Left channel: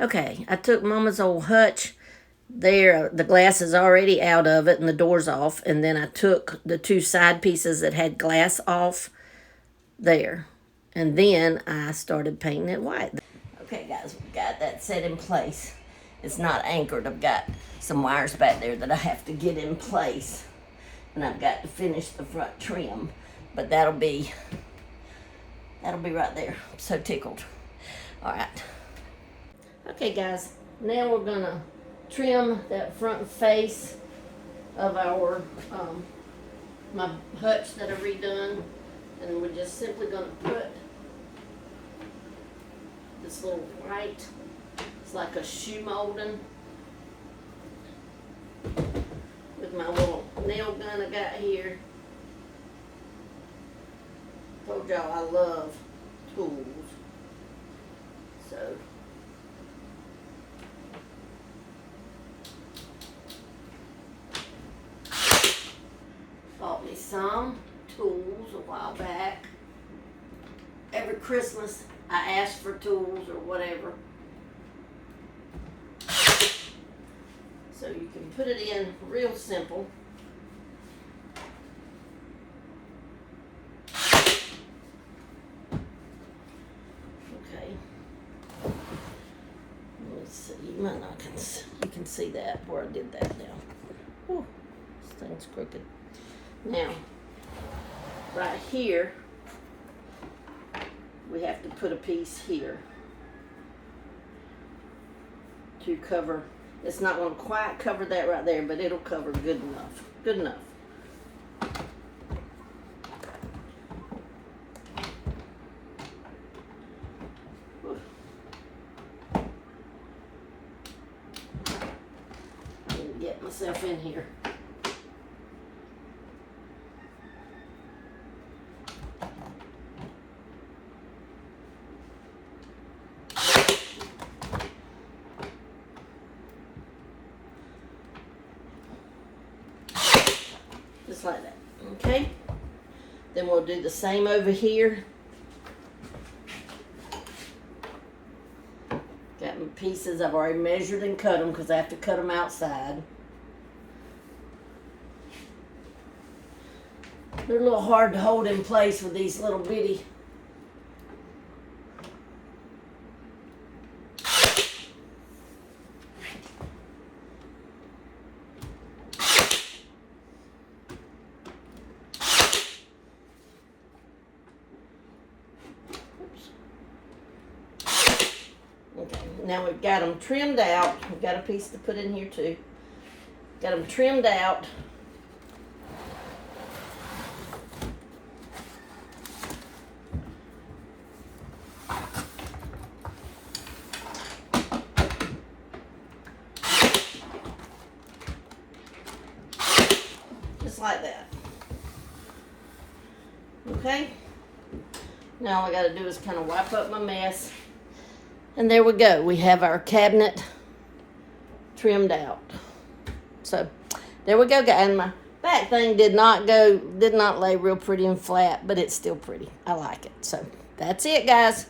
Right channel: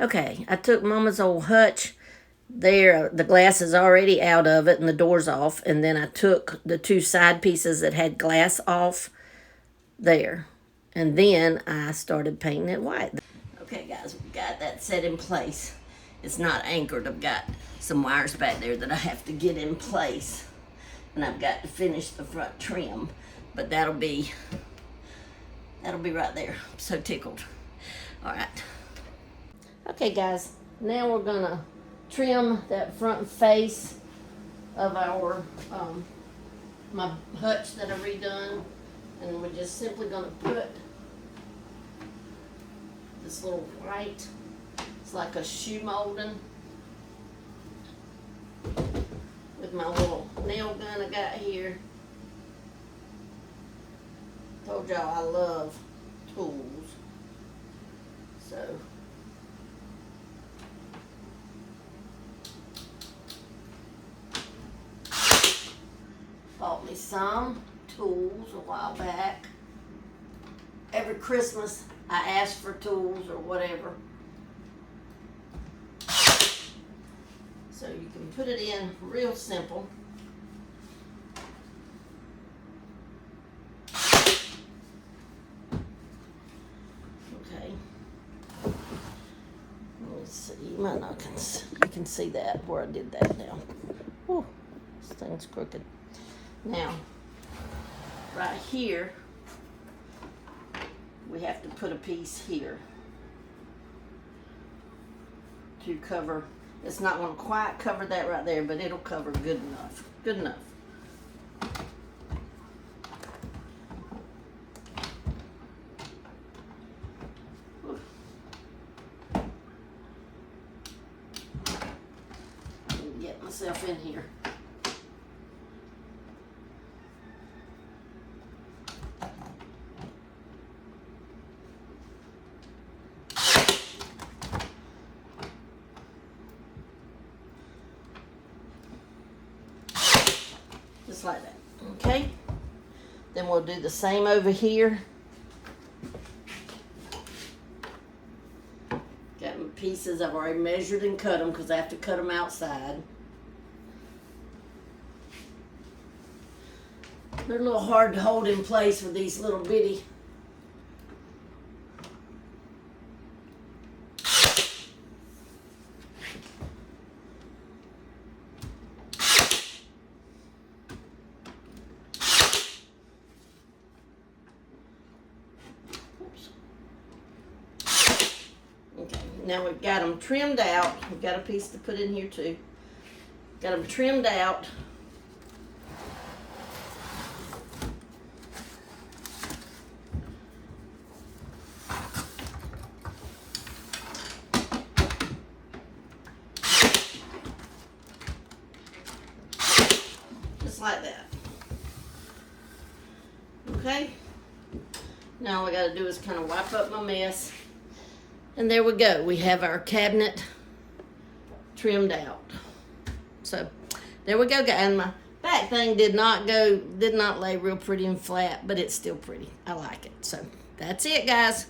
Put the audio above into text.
Okay, I took Mama's old Hutch. There, the glass is already out of it and the door's off. And then I took the two side pieces that had glass off there. And then I started painting it white. Okay, guys, we got that set in place. It's not anchored. I've got some wires back there that I have to get in place. And I've got to finish the front trim. But that'll be right there. I'm so tickled. All right. Okay, guys, now we're gonna trim that front face of our my hutch that I redone, and we're just simply gonna put this little white. It's like a shoe molding with my little nail gun I got here. Told y'all I love tools, so. Bought me some tools a while back. Every Christmas I ask for tools or whatever. So you can put it in real simple. Okay. Let me see. You might not you can see that where I did that now. Whew, this thing's crooked. Now, right here, we have to put a piece here to cover. It's not going to quite cover that right there, but it'll cover good enough. Good enough. Get myself in here. Just like that, okay? Then we'll do the same over here. Got my pieces, I've already measured and cut them because I have to cut them outside. They're a little hard to hold in place with these little bitty. Now we've got them trimmed out. We've got a piece to put in here too. Got them trimmed out. Just like that. Okay? Now all I gotta do is kind of wipe up my mess. And there we go. We have our cabinet trimmed out. So there we go, guys. And my back thing did not lay real pretty and flat, but it's still pretty. I like it. So that's it, guys.